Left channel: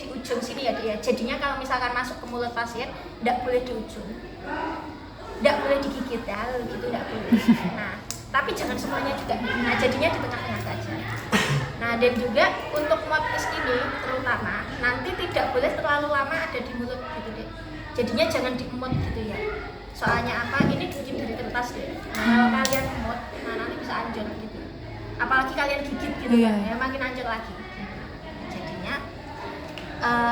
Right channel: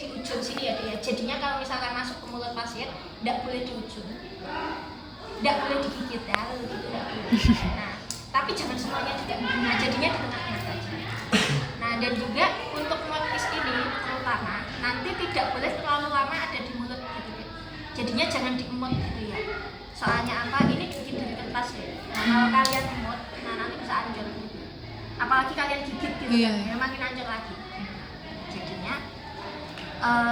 di ujung sini ya dia. Jadinya kalau misalkan masuk ke mulut pasien, tidak boleh di ujung, tidak boleh digigit ya, gitu tidak boleh. Nah, tapi jangan semuanya juga. Nah, jadinya di tengah-tengah saja. Nah, dan juga untuk mouthpiece ini terutama nanti tidak boleh terlalu lama ada di mulut gitu ya. Jadinya jangan diemut gitu ya. Soalnya apa? Ini bikin dari kertas ya. Nah, kalau kalian emut, nah nanti bisa anjir gitu. Apalagi kalian gigit gitu ya, makin anjir lagi. Jadinya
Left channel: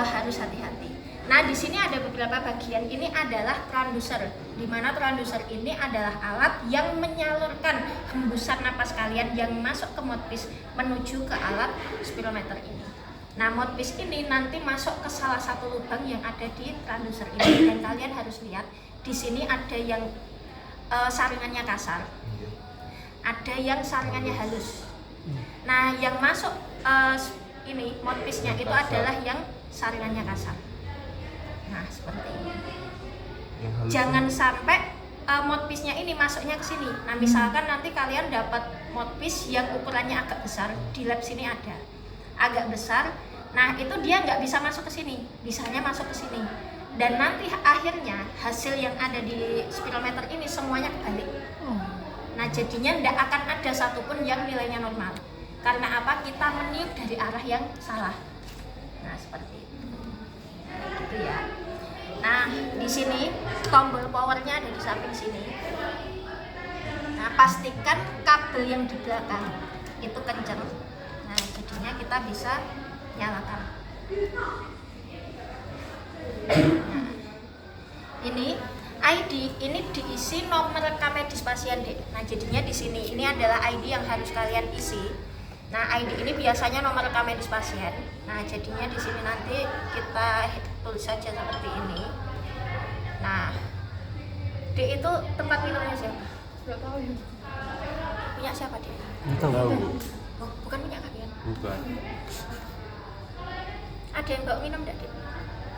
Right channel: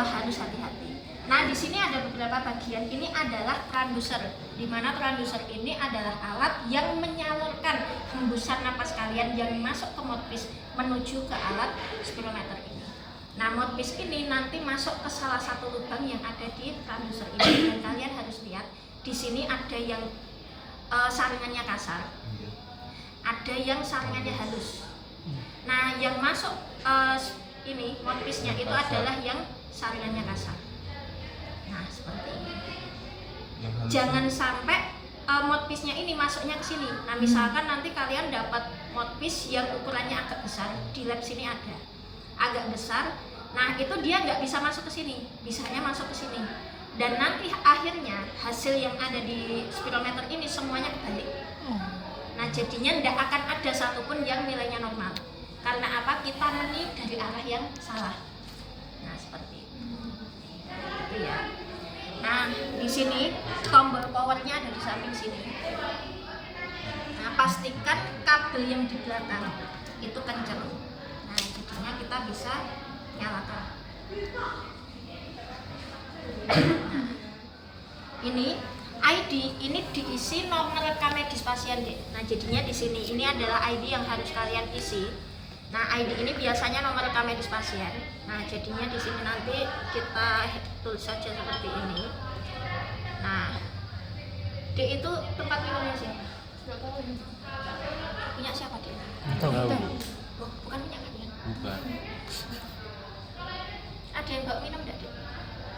harus hati-hati. Nah, di sini ada beberapa bagian. Ini adalah transducer, di mana transducer ini adalah alat yang menyalurkan hembusan napas kalian yang masuk ke mouthpiece menuju ke alat spirometer ini. Nah, mouthpiece ini nanti masuk ke salah satu lubang yang ada di transducer ini, dan kalian harus lihat di sini ada yang saringannya kasar, ada yang saringannya halus. Nah, yang masuk ini mouthpiece-nya itu adalah yang saringannya kasar. Nah, seperti ini. Jangan sampai mouthpiece-nya ini masuknya ke sini. Nah, misalkan nanti kalian dapat mouthpiece yang ukurannya agak besar, di lab sini ada agak besar. Nah, itu dia nggak bisa masuk ke sini, bisanya masuk ke sini. Dan nanti akhirnya hasil yang ada di spirometer ini semuanya kebalik. Nah, jadinya tidak akan ada satupun yang nilainya normal. Karena apa? Kita meniup dari arah yang salah. Nah, seperti itu. Gitu ya. Nah, di sini tombol powernya ada di samping sini. Nah, pastikan kabel yang di belakang itu kencang. Nah, jadinya kita bisa nyalakan. Nah, ini ID ini diisi nomor rekam medis pasien deh. Nah, jadinya di sini ini adalah ID yang harus kalian isi. Nah, ID ini biasanya nomor rekam medis pasien. Nah, jadinya di sini nanti kita tulis saja seperti ini. Nah, D itu tempat minumnya siapa? Enggak tahu ya. Punya siapa dia? Tahu. Oh, bukan punya kalian. Bukan. Ada yang bawa minum enggak, Dek?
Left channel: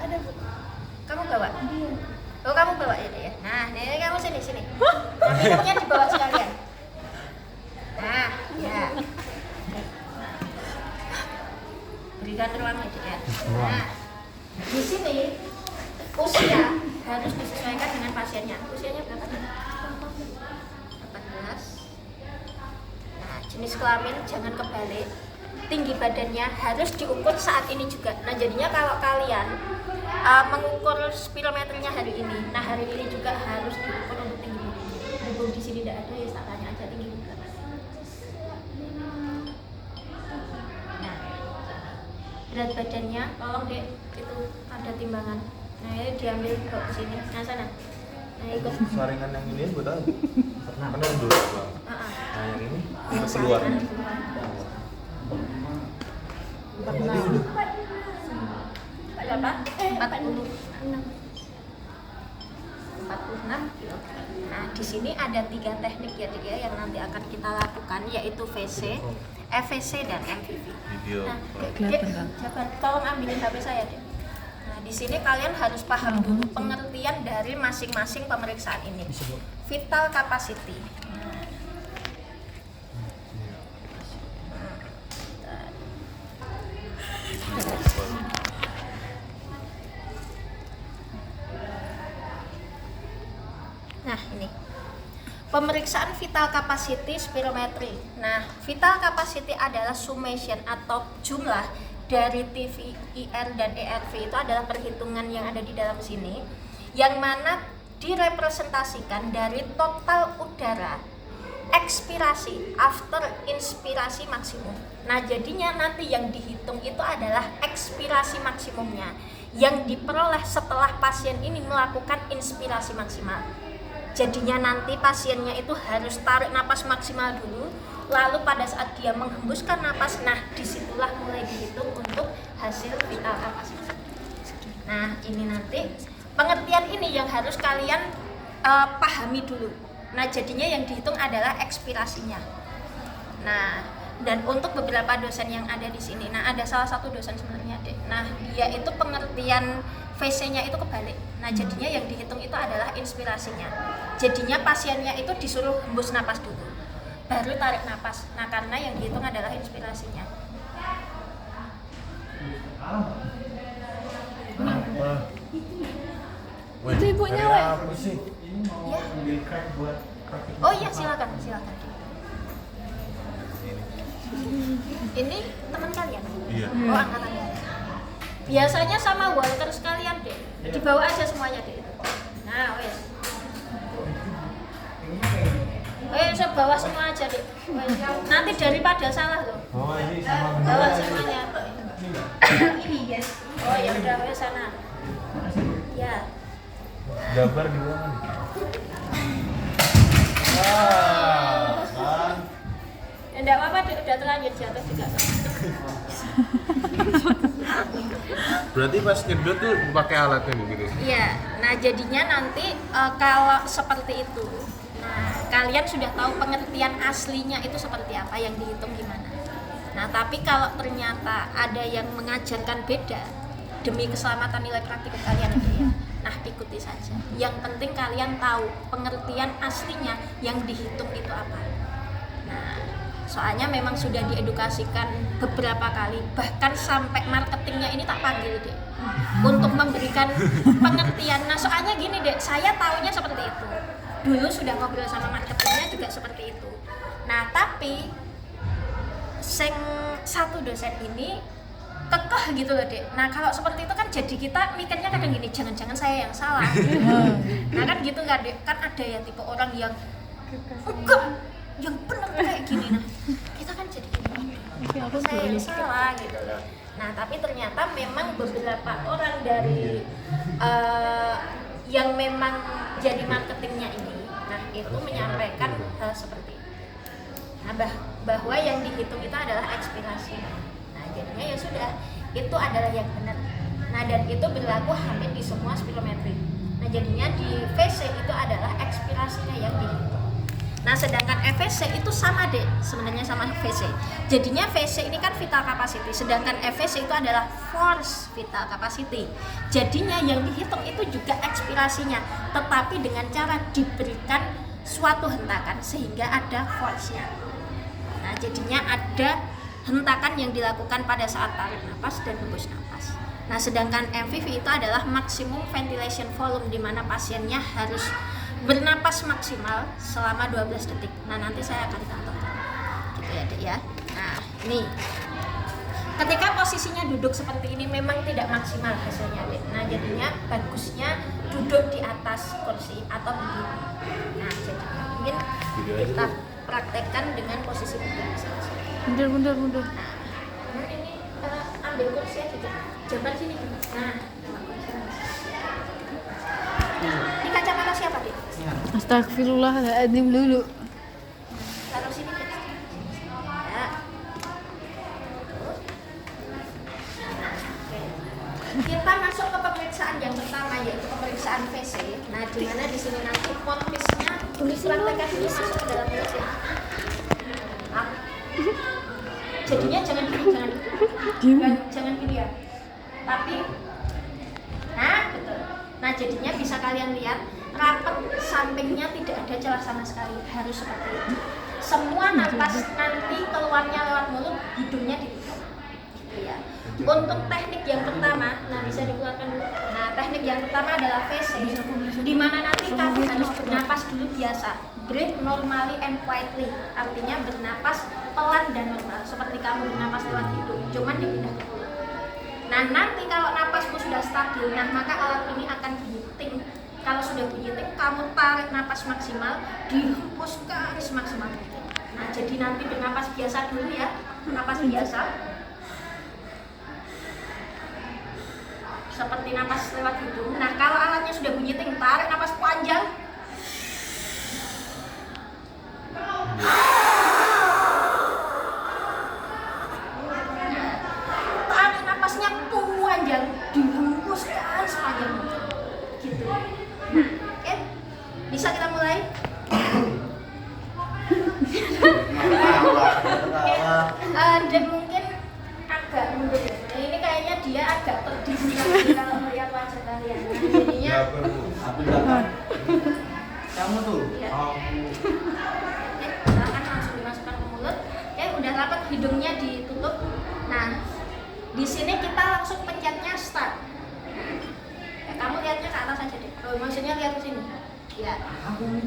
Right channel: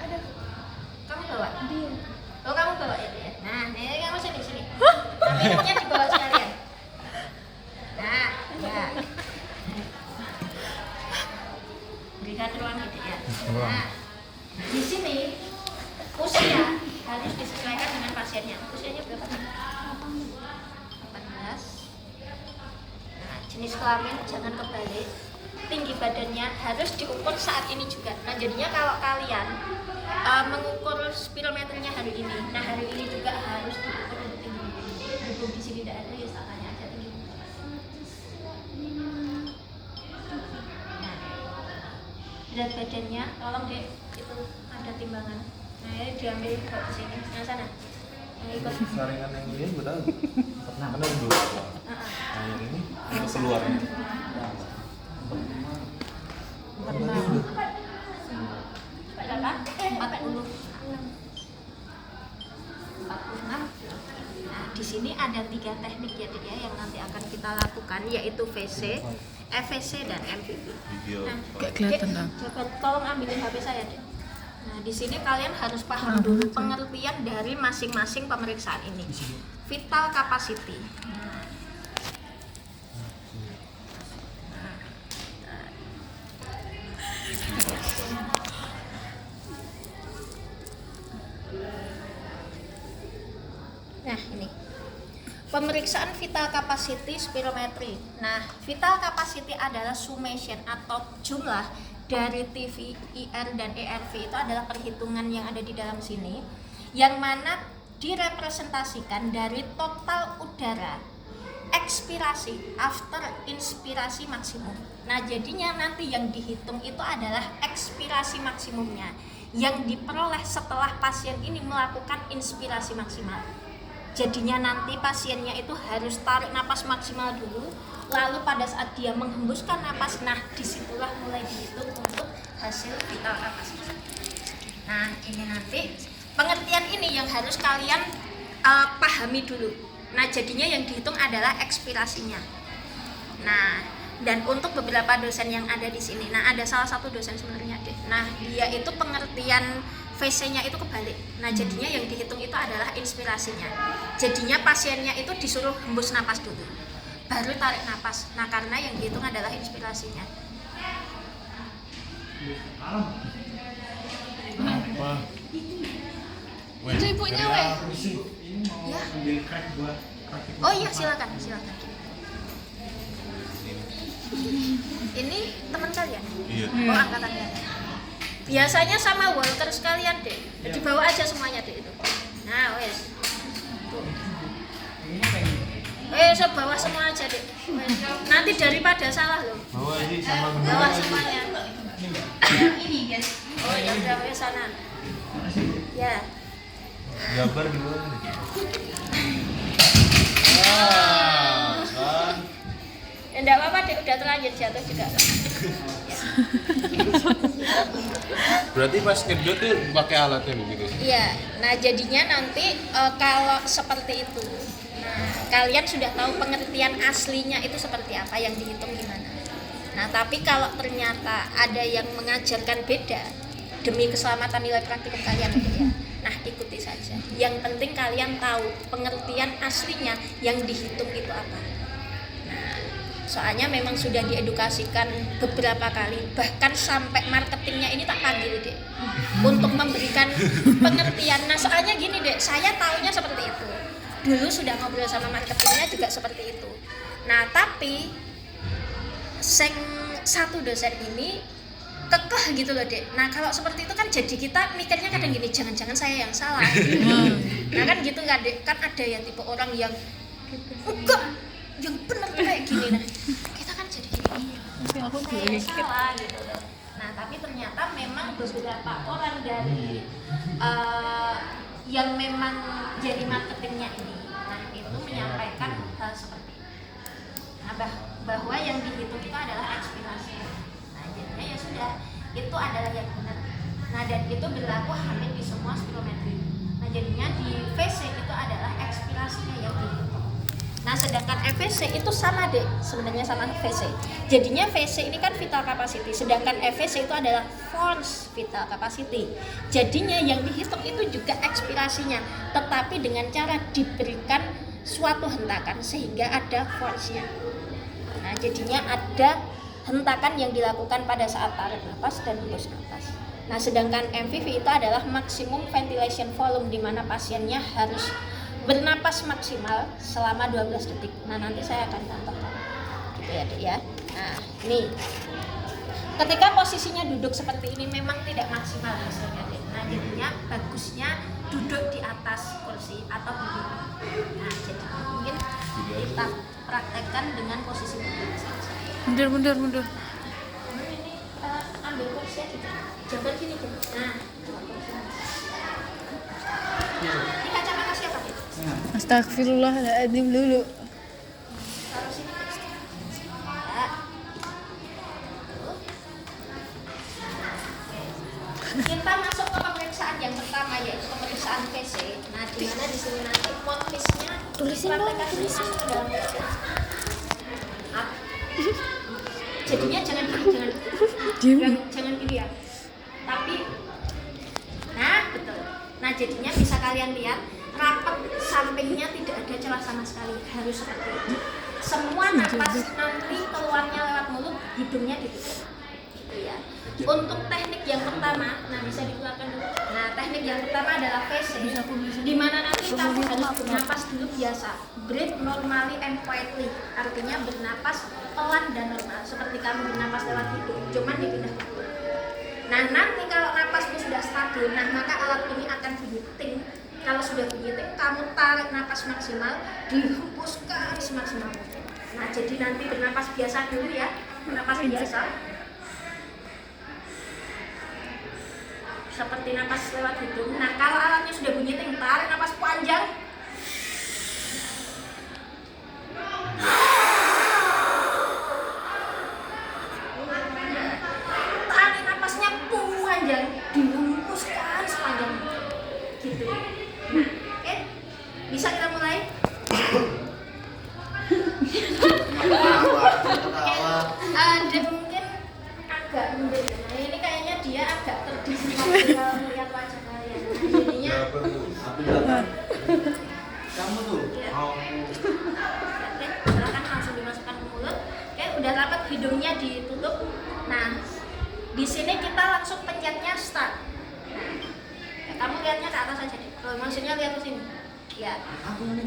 Ada, Bu. Kamu bawa? Dia. Oh, kamu bawa ya, Dek ya. Nah, ini kamu sini. Minumnya dibawa sekalian. Nah, ya. Berikan ruang ya, Dek ya. Nah, di sini usia harus disesuaikan dengan pasiennya. Usianya berapa nih? 18. Nah, jenis kelamin jangan kebalik. Tinggi badannya harus diukur saat ini juga. Nah, jadinya kalau kalian mengukur spirometernya hari ini, nah hari ini juga harus diukur untuk tinggi badannya. Berhubung di sini tidak ada, ya tak tanya aja tinggi berapa. Nah, berat badannya, tolong Dek, itu ada timbangan. Nah, ini diambil ke sini. Nah, sana. Nah, ikut. Saringan yang ini gue tahu. Karena dulu. Nah, yang ini keluarnya. 46. Berapa? 40. 46. Nah, di sini ada 3 teknik ya dia yang nanti akan kita lakukan, yaitu VC, FVC dan MVV. Video. Nah, Gak kelihatan, Dek, Kak. coba tolong ambilin HP saya, Dek. Nah, di sini kalian harus paham dulu pengertian dari masing-masing pemeriksaan ini. Vital capacity. Nah, ini pemeriksaan vital capacity spirometry. Nah, vital capacity adalah summation atau jumlah dari TVIR dan ERV. Itu adalah perhitungan yang ada di dalam sini, yang mana direpresentasikan dari total udara ekspirasi after inspirasi maksimum. Nah, jadinya nanti yang dihitung itu adalah ekspirasi maksimumnya yang diperoleh setelah pasien ini melakukan inspirasi maksimal. Jadinya nanti pasiennya itu harus tarik napas maksimal dulu, lalu pada saat dia menghembuskan napas, nah disitulah mulai dihitung untuk hasil vital capacity. Nah, ini nanti pengertian ini yang harus kalian pahami dulu. Nah, jadinya yang dihitung adalah ekspirasinya. Nah, dan untuk beberapa dosen yang ada di sini, nah ada salah satu dosen sebenarnya, Dek. Nah, dia itu pengertian VC-nya itu kebalik. Nah, jadinya yang dihitung itu adalah inspirasinya. Jadinya pasiennya itu disuruh hembus napas dulu, baru tarik napas. Nah, karena yang dihitung adalah inspirasinya. Weh, Itu ibunya, hari weh. apa sih? Ya. Ambil crack buat rakit. Oh iya, silakan. Ini teman kalian? Iya. Oh, angkatannya. Biasanya sama Walter sekalian deh. Dibawa aja semuanya deh itu. Nah, wes. So bawa semua aja deh. Nanti daripada salah loh. Bawa aja sama Bawa aja. semuanya. Ini enggak? Ini guys. Oh ya udah wes sana. Ya. Gambar di mana nih? Wah, kan. Enggak apa-apa deh, udah terlanjur jatuh juga. Berarti pas nyedot tuh pakai alatnya nih gitu. Iya, nah jadinya nanti kalau seperti itu, nah kalian sudah tahu pengertian aslinya itu seperti apa, yang dihitung gimana. Nah tapi kalau ternyata ada yang mengajarkan beda demi keselamatan nilai praktik kalian, nah ikuti saja. Yang penting kalian tahu pengertian aslinya yang dihitung itu apa. Soalnya memang sudah diedukasikan beberapa kali, bahkan sampai marketingnya ini tak panggil deh untuk memberikan pengertian. Nah soalnya gini deh, saya tahunya seperti itu dulu, sudah ngobrol sama marketingnya juga seperti itu. Nah tapi satu dosen ini kekeh gitu loh dek. Nah kalau seperti itu kan jadi kita mikirnya kadang gini, jangan-jangan saya yang salah. Nah kan gitu kan dek, kan ada yang tipe orang yang enggak, yang benar kayak gini. Nah kita kan jadi gini, saya yang salah gitu loh. Nah tapi ternyata memang beberapa orang dari yang memang jadi marketingnya ini, nah itu menyampaikan hal seperti itu. Nah bahwa yang dihitung itu adalah ekspirasi. Nah jadinya ya sudah, itu adalah yang benar. Nah dan itu berlaku hampir di semua spirometri. Nah jadinya di VC itu adalah ekspirasinya yang dihitung. Nah sedangkan FVC itu sama deh, sebenarnya sama VC. Jadinya VC ini kan vital capacity, sedangkan FVC itu adalah force vital capacity. Jadinya yang dihitung itu juga ekspirasinya, tetapi dengan cara diberikan suatu hentakan sehingga ada force-nya. Nah jadinya ada hentakan yang dilakukan pada saat tarik nafas dan hembus nafas. Nah sedangkan MVV itu adalah maximum ventilation volume, di mana pasiennya harus bernapas maksimal selama 12 detik. Nah nanti saya akan contohkan gitu ya dek ya. Nah nih, ketika posisinya duduk seperti ini memang tidak maksimal hasilnya dek. Nah jadinya bagusnya duduk di atas kursi atau begini. Nah jadi mungkin kita praktekkan dengan posisi mundur. Mundur. Nah ini ambil kursi aja dek. Jamban sini dulu. Nah ini kacamata siapa dek? Astagfirullahaladzim dulu. Taruh sini terus. Ya. Kita masuk ke pemeriksaan yang pertama, yaitu pemeriksaan PC. Nah, di mana di sini nanti motifnya dipraktekkan masuk ke dalam PC. Jadinya jangan gini ya. Tapi betul. Nah, jadinya bisa kalian lihat rapat sampingnya tidak ada celah sama sekali, harus seperti itu. Semua napas nanti keluarnya lewat mulut, hidungnya ditutup. Gitu ya. Untuk teknik yang pertama, nah bisa dikeluarkan dulu. Nah, teknik yang pertama adalah VC, di mana nanti kamu harus bernapas dulu biasa. Breathe normally and quietly, artinya bernapas pelan dan normal, seperti kamu bernapas lewat hidung, cuman dipindah ke mulut. Nah, nanti kalau napasmu sudah stabil, nah maka alat ini akan bunyi ting. Kalau sudah bunyi ting, kamu tarik napas maksimal, dihembuskan semaksimal mungkin. Nah, jadi nanti bernapas biasa dulu ya, napas biasa. Seperti napas lewat hidung. Nah, kalau alatnya sudah bunyi ting, tarik napas panjang. Tarik napasnya panjang, dihembuskan sepanjang mungkin. Gitu. Nah, oke. Bisa kita mulai? Ada mungkin agak mundur. Nah, ini kayaknya dia agak terdiri kalau melihat wajah kalian. Nah, jadinya Kamu tuh. ya. Oke, silakan langsung dimasukkan ke mulut. Oke, udah rapat, hidungnya ditutup. Nah, di sini kita langsung pencetnya start. Nah, kamu lihatnya ke atas aja deh. maksudnya lihat ke sini. Ya.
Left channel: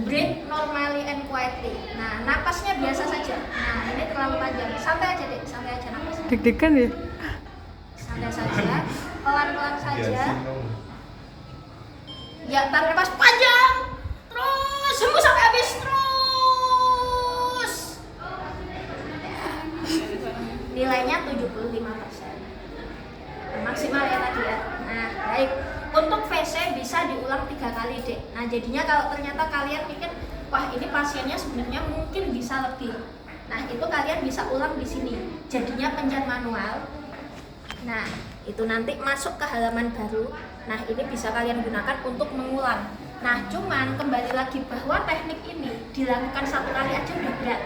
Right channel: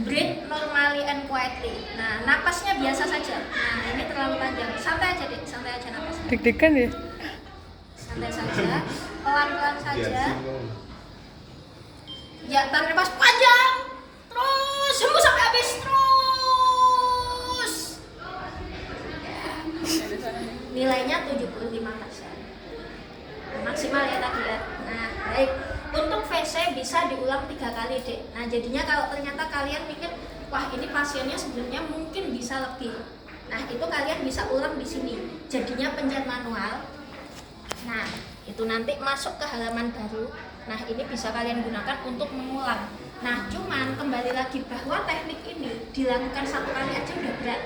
Breathe normally and quietly. Nah, napasnya biasa saja. Nah, ini terlalu panjang. Santai aja, Dek. Santai aja napasnya. Deg-degan ya? Santai saja. Pelan-pelan saja. Ya, tarik napas panjang. Terus hembus sampai habis. Terus. Ya. Nilainya 75%. Nah, maksimal ya tadi ya. Nah, baik. Untuk VC bisa diulang 3 kali, Dek. Nah, jadinya kalau ternyata kalian mikir, wah ini pasiennya sebenarnya mungkin bisa lebih. Nah, itu kalian bisa ulang di sini. Jadinya pencet manual. Nah, itu nanti masuk ke halaman baru. Nah, ini bisa kalian gunakan untuk mengulang. Nah, cuman kembali lagi bahwa teknik ini dilakukan 1 kali aja udah berat.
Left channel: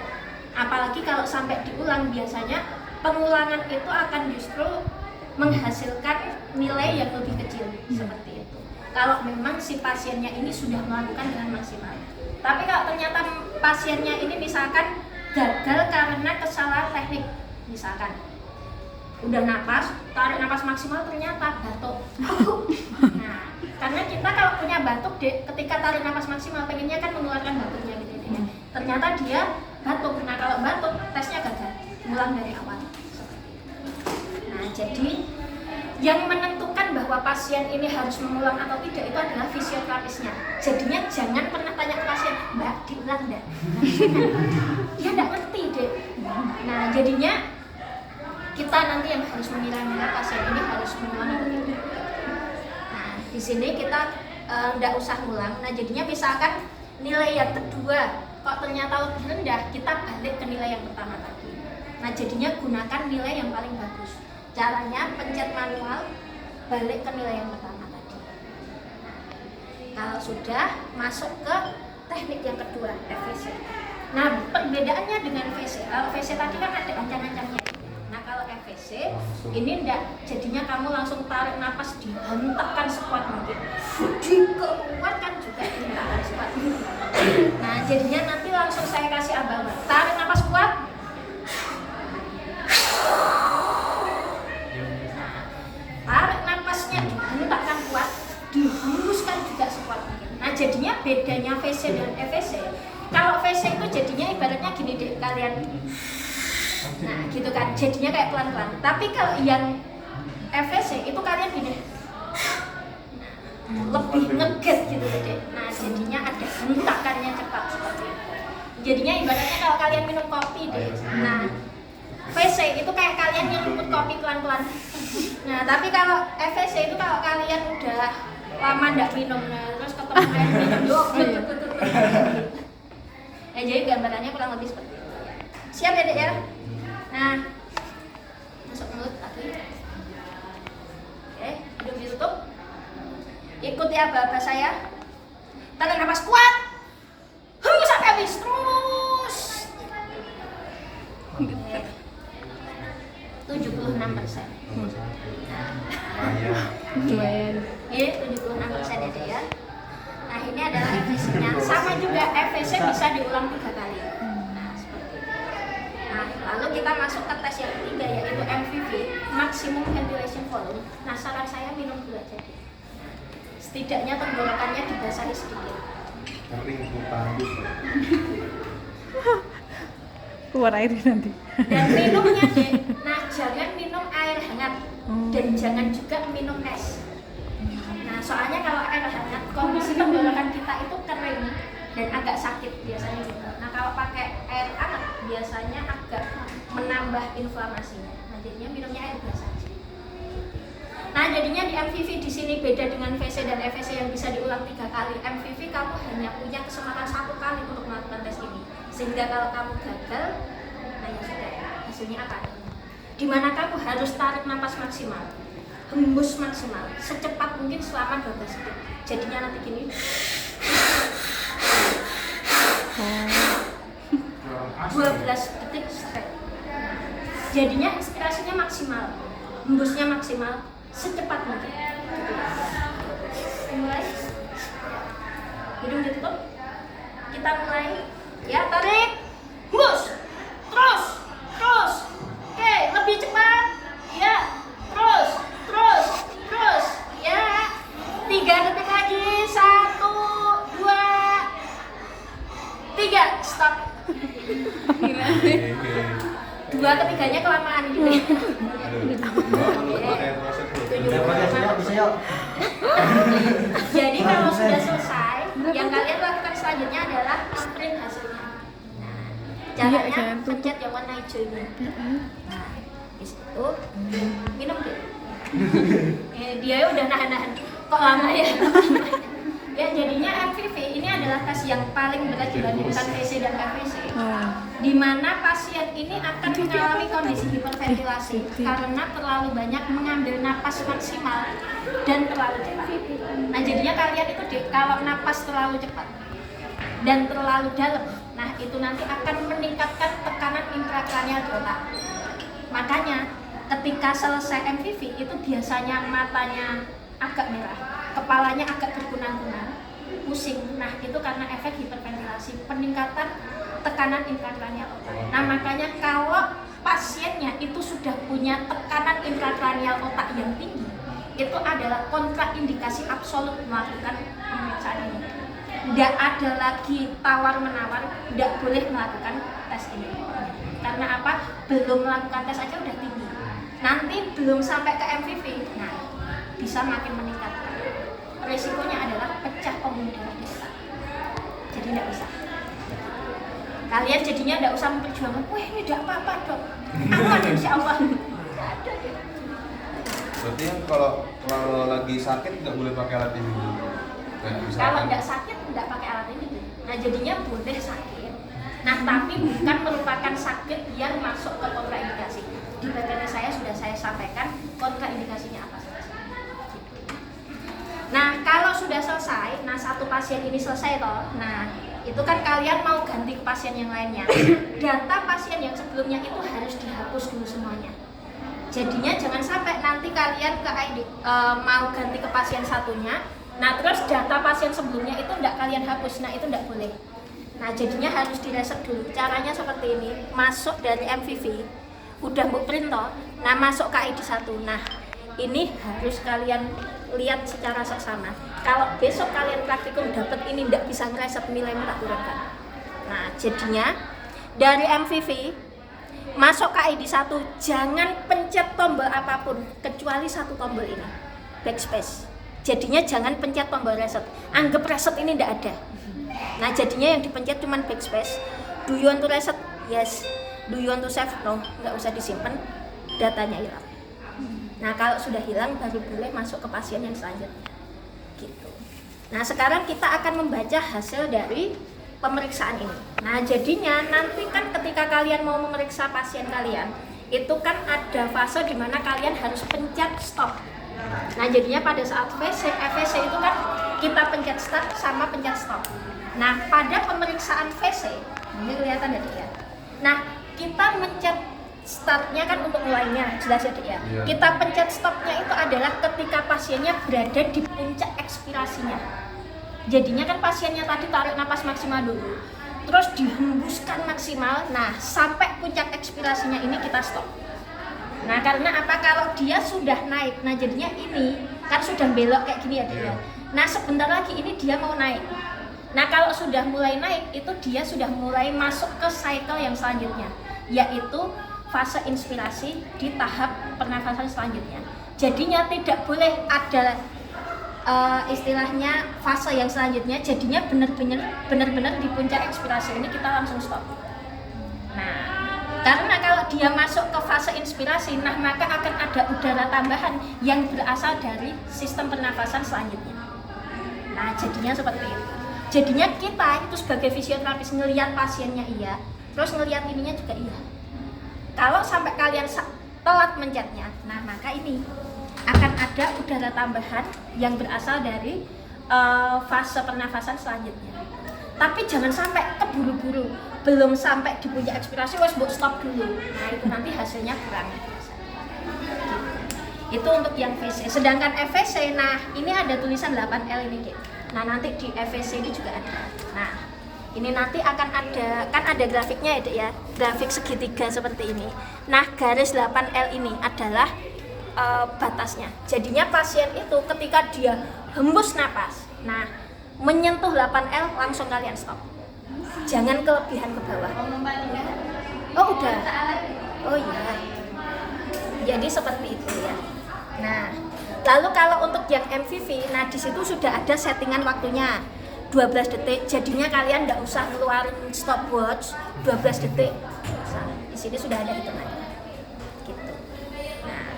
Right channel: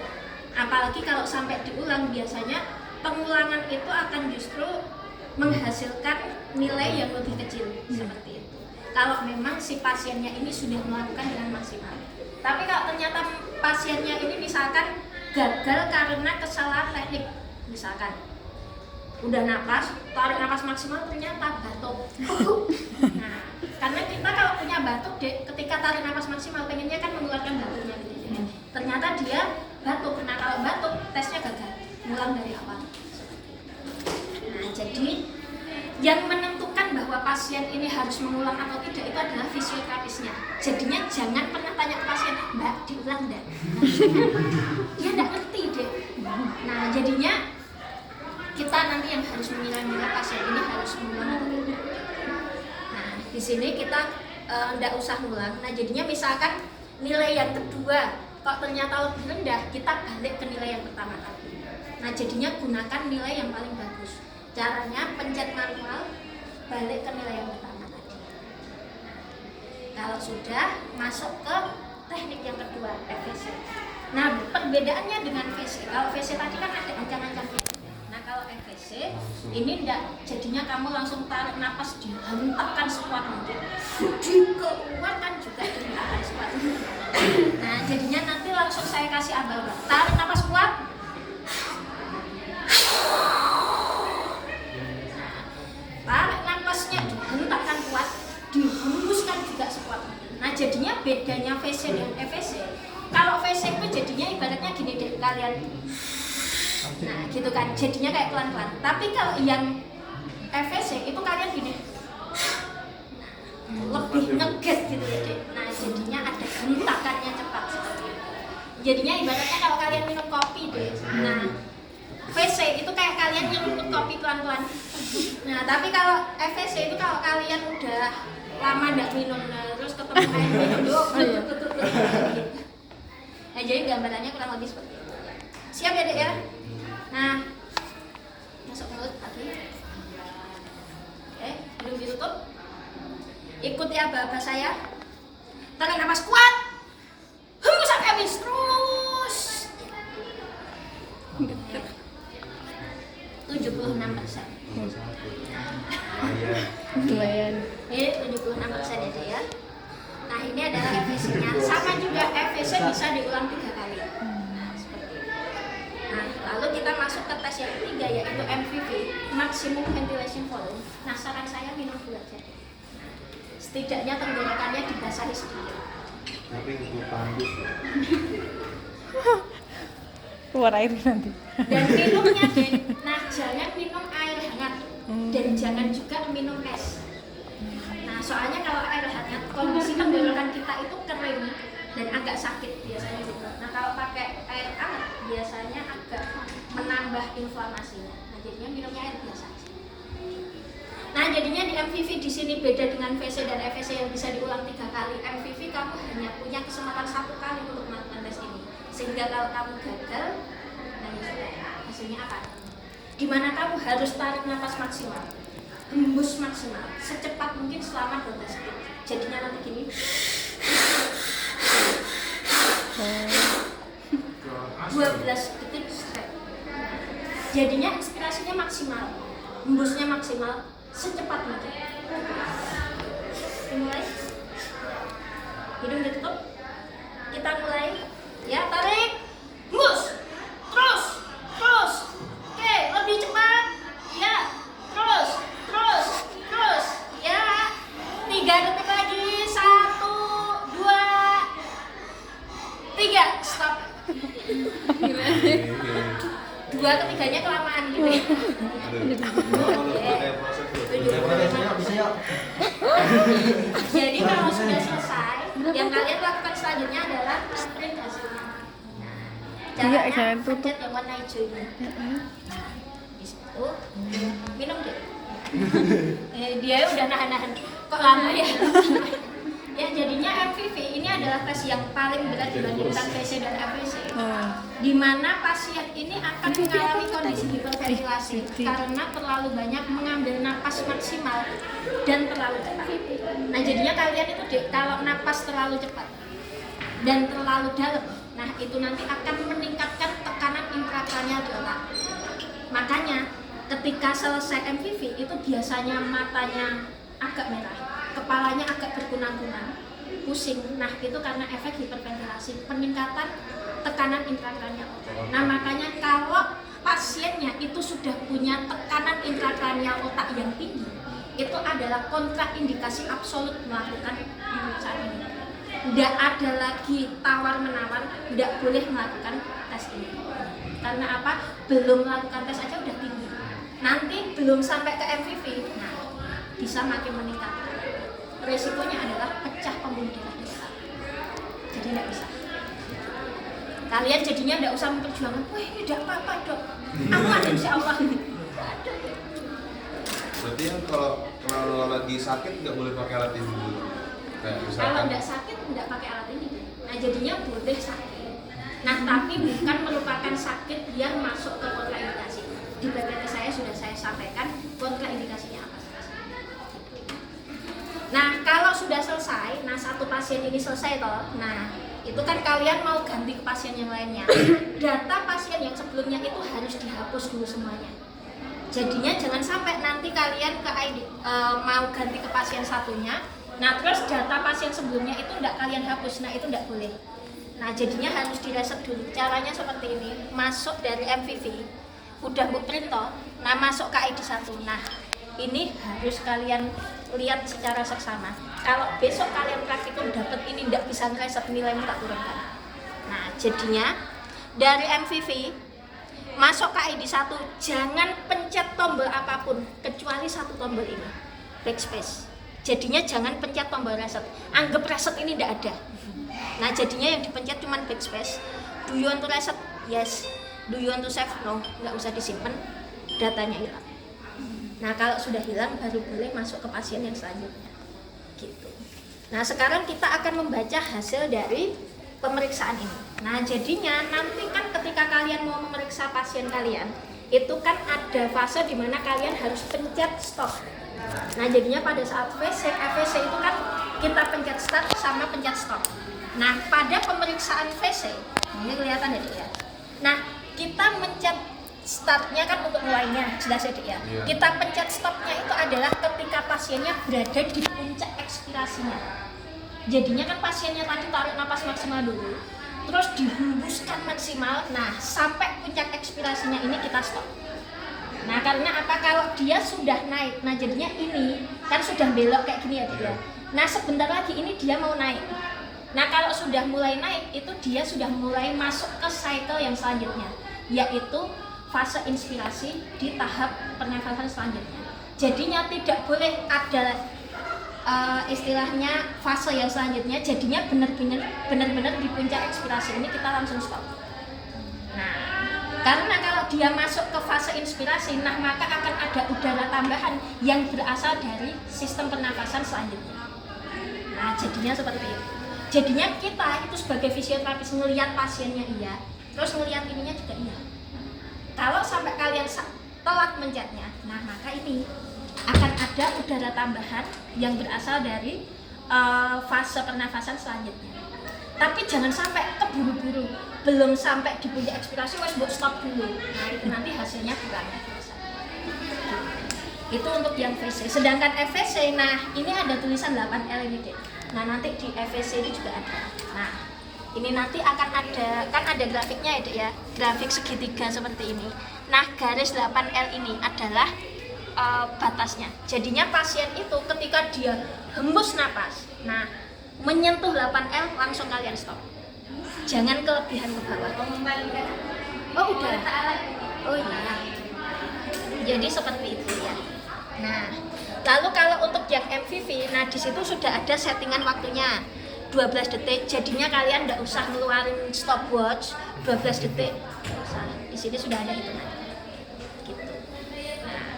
Apalagi kalau sampai diulang, biasanya pengulangan itu akan justru menghasilkan nilai yang lebih kecil seperti itu. Kalau memang si pasiennya ini sudah melakukan dengan maksimal. Tapi kalau ternyata pasiennya ini misalkan gagal karena kesalahan teknik, misalkan udah napas, tarik napas maksimal ternyata batuk. Nah, karena kita kalau punya batuk, Dek, ketika tarik napas maksimal pengennya kan mengeluarkan batuknya gitu ya. Ternyata dia batuk. Nah, kalau batuk tesnya gagal. Ulang dari awal. Nah, jadi yang menentukan bahwa pasien ini harus mengulang atau tidak itu adalah fisioterapisnya. Jadinya jangan pernah tanya ke pasien, Mbak, diulang enggak? Nah, dia enggak ngerti, Dek. Nah, jadinya kita nanti yang harus mengira-ngira pasien ini harus mengulang atau tidak. Nah, di sini kita enggak usah ulang. Nah, jadinya misalkan nilai yang kedua kok ternyata lebih rendah, kita balik ke nilai yang pertama tadi. Nah, jadinya gunakan nilai yang paling bagus. Caranya pencet manual, balik ke nilai yang pertama tadi. Nah, kalau sudah masuk ke teknik yang kedua, FVC. Nah, perbedaannya dengan VC, kalau VC tadi kan ada ancang-ancangnya. Nah, kalau FVC ini enggak, jadinya kamu langsung tarik napas, dihentakkan sekuat mungkin, dikeluarkan juga dihentakkan sekuat mungkin. Nah, jadinya nanti langsung saya kasih abang-abang, tarik napas kuat. Tarik napasnya dihentakkan kuat, dihembuskan juga sekuat mungkin. Nah, jadinya bedanya VC dan FVC. Kalau VC itu jadinya ibaratnya gini, Dek, kalian. Nah, gitu kan, jadinya kayak pelan-pelan. Tapi kalau yang FVC itu kalian gini. Nah, lebih ngegas gitu ya, Dek. Nah, jadinya ada hentakannya cepat seperti itu. Jadinya ibaratnya kalau kalian minum kopi, Dek. Nah, VC itu kayak kalian nyeruput kopi pelan-pelan. Nah, tapi kalau FVC itu kalau kalian udah lama nggak minum, nah, terus ketemu air minum doang, nah, jadi gambarannya kurang lebih seperti itu. Siap ya, Dek ya? Nah, masuk mulut lagi. Oke, hidung ditutup. Ikuti aba-aba saya. Tarik nafas kuat. Hembus sampai habis terus. 76%. Lumayan. Ini 76% ya, Dek ya. Nah, ini adalah FVC-nya. Sama juga FVC bisa diulang 3 kali. Nah, seperti itu. Nah, lalu kita masuk ke tes yang ketiga yaitu MVV, Maximum Ventilation Volume. Nah, saran saya minum gula jadi. Setidaknya tenggorokannya dibasahi sedikit. Tapi itu tandus ya. Keluar air nanti. Dan minumnya, Dek, nah jangan minum air hangat dan jangan juga minum es. Nah, soalnya kalau air hangat kondisi tenggorokan kita itu kering dan agak sakit biasanya juga. Nah, kalau pakai air hangat biasanya agak menambah inflamasinya. Nah, jadinya minumnya air biasa aja. Nah, jadinya di MVV di sini beda dengan VC dan FVC yang bisa diulang 3 kali. MVV kamu hanya punya kesempatan 1 kali untuk melakukan tes ini. Sehingga kalau kamu gagal, nah ya sudah, hasilnya apa? Dimana kamu harus tarik napas maksimal, hembus maksimal, secepat mungkin selama 12 detik. Jadinya nanti gini. 12 detik straight. Jadinya inspirasinya maksimal, hembusnya maksimal, secepat mungkin. Mulai. Hidung ditutup. Kita mulai. Ya, tarik. Hembus. Terus. Oke, lebih cepat. Ya. Terus. Ya. 3 detik lagi. 1. Gimana? Dua ketiganya kelamaan gitu ya. Jadi kalau sudah selesai, yang kalian lakukan selanjutnya adalah sprint hasilnya. Nah, Iya, caranya jangan tutup. pencet yang warna hijau ini. Nah, itu minum deh. Dia udah nahan-nahan. Kok lama ya? Ya jadinya MVV ini adalah tes yang paling berat dibandingkan PC dan FVC. Oh. Di mana pasien ini akan mengalami kondisi hiperventilasi karena terlalu banyak mengambil napas maksimal dan terlalu cepat. Nah jadinya kalian itu kalau napas terlalu cepat dan terlalu dalam, nah itu nanti akan meningkatkan tekanan intrakranial di otak. Makanya ketika selesai MVV itu biasanya matanya agak merah, kepalanya agak berkunang-kunang, pusing. Nah itu karena efek hiperventilasi, peningkatan tekanan intrakranial otak. Nah makanya kalau pasiennya itu sudah punya tekanan intrakranial otak yang tinggi, itu adalah kontraindikasi absolut melakukan pemeriksaan ini. Tidak ada lagi tawar-menawar, tidak boleh melakukan tes ini. Karena apa? Belum melakukan tes aja udah tinggi. Nanti belum sampai ke MVV, nah bisa makin meningkatkan. Resikonya adalah pecah pembuluh darah di otak. Jadi tidak usah. Kalian jadinya tidak usah memperjuangkan, wah ini tidak apa-apa dok, aman insya Allah. Ada. Berarti kalau lagi sakit nggak boleh pakai alat ini dulu. Kayak Kalau misalkan tidak sakit tidak pakai alat ini. Nah jadinya boleh sakit. Nah tapi bukan merupakan sakit yang masuk ke kontraindikasi. Di PPT saya sudah saya sampaikan kontraindikasinya apa saja. Nah kalau sudah selesai, nah satu pasien ini selesai toh. Nah itu kan kalian mau ganti ke pasien yang lainnya. Data pasien yang sebelumnya itu harus dihapus dulu semuanya. Jadinya jangan sampai nanti kalian ke ID, mau ganti ke pasien satunya. Nah terus data pasien sebelumnya itu tidak kalian hapus, nah itu tidak boleh. Nah jadinya harus direset dulu. Caranya seperti ini, masuk dari MVV, udah bu print toh, nah masuk ke ID 1. Nah ini harus kalian lihat secara seksama. Kalau besok kalian praktikum dapat ini tidak bisa ngereset nilai minta turunkan. Nah jadinya dari MVV masuk ke ID 1, jangan pencet tombol apapun kecuali satu tombol ini, backspace. Jadinya jangan pencet tombol reset, anggap reset ini tidak ada. Nah jadinya yang dipencet cuma backspace. Do you want to reset? Yes. Do you want to save? No, nggak usah disimpan, datanya hilang. Nah kalau sudah hilang baru boleh masuk ke pasien yang selanjutnya gitu. Nah sekarang kita akan membaca hasil dari pemeriksaan ini. Nah jadinya nanti kan ketika kalian mau memeriksa pasien kalian, itu kan ada fase di mana kalian harus pencet stop. Nah jadinya pada saat FVC itu kan kita pencet start sama pencet stop. Nah pada pemeriksaan VC ini kelihatan ya Dek ya. Nah kita mencet startnya kan untuk mulainya, jelas ya Dek ya. Iya. Kita pencet stopnya itu adalah ketika pasiennya berada di puncak ekspirasinya. Jadinya kan pasiennya tadi tarik napas maksimal dulu, terus dihembuskan maksimal. Nah sampai puncak ekspirasinya ini kita stop. Nah karena apa? Kalau dia sudah naik, nah jadinya ini kan sudah belok kayak gini ya Dek ya. Nah sebentar lagi ini dia mau naik. Nah kalau sudah mulai naik, itu dia sudah mulai masuk ke cycle yang selanjutnya, yaitu fase inspirasi di tahap pernafasan selanjutnya. Jadinya tidak boleh ada istilahnya fase yang selanjutnya. Jadinya benar-benar di puncak ekspirasi ini kita langsung stop. Nah karena kalau dia masuk ke fase inspirasi, nah maka akan ada udara tambahan yang berasal dari sistem pernafasan selanjutnya. Nah jadinya seperti itu. Jadinya kita itu sebagai fisioterapis ngelihat pasiennya iya, terus ngelihat ininya juga iya. Kalau sampai kalian telat mencetnya, nah maka ini akan ada udara tambahan yang berasal dari fase pernafasan selanjutnya. Tapi jangan sampai keburu-buru, belum sampai di puncak ekspirasi, wes buat stop dulu. Nah itu nanti hasilnya kurang. Itu untuk yang VC. Sedangkan FVC, nah ini ada tulisan 8L ini Dek. Nah nanti di FVC ini juga ada. Nah ini nanti akan ada, kan ada grafiknya ya Dek ya, grafik segitiga seperti ini. Nah garis 8L ini adalah batasnya. Jadinya pasien itu ketika dia hembus napas, nah menyentuh 8L langsung kalian stop. jangan kelebihan ke bawah. Oh udah, oh iya, jadi seperti itu ya. Nah, lalu kalau untuk yang MVV, nah di situ sudah ada settingan waktunya 12 detik, jadinya kalian nggak usah ngeluarin stopwatch 12 detik. Nah, di sini sudah ada hitungannya. Gitu. Nah,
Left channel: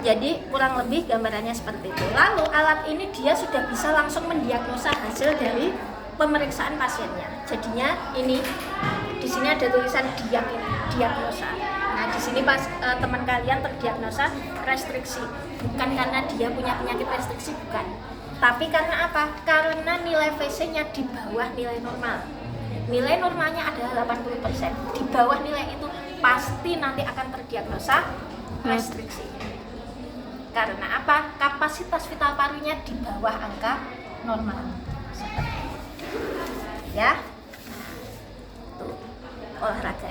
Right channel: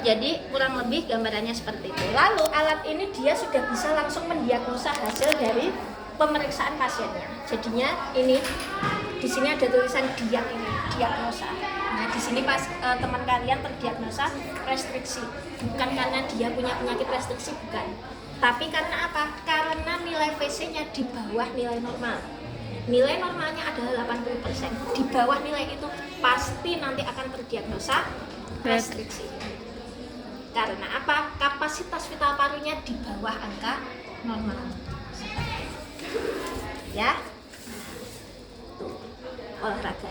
jadi kurang lebih gambarannya seperti itu. Lalu alat ini dia sudah bisa langsung mendiagnosa hasil dari pemeriksaan pasiennya. Jadinya ini di sini ada tulisan diagnosa. Nah, di sini pas teman kalian terdiagnosa restriksi, bukan karena dia punya penyakit restriksi, bukan. Tapi karena apa? Karena nilai VC-nya di bawah nilai normal. Nilai normalnya adalah 80%. Di bawah nilai itu pasti nanti akan terdiagnosa restriksi. Karena apa? Kapasitas vital parunya di bawah angka normal. Ya. Olahraga.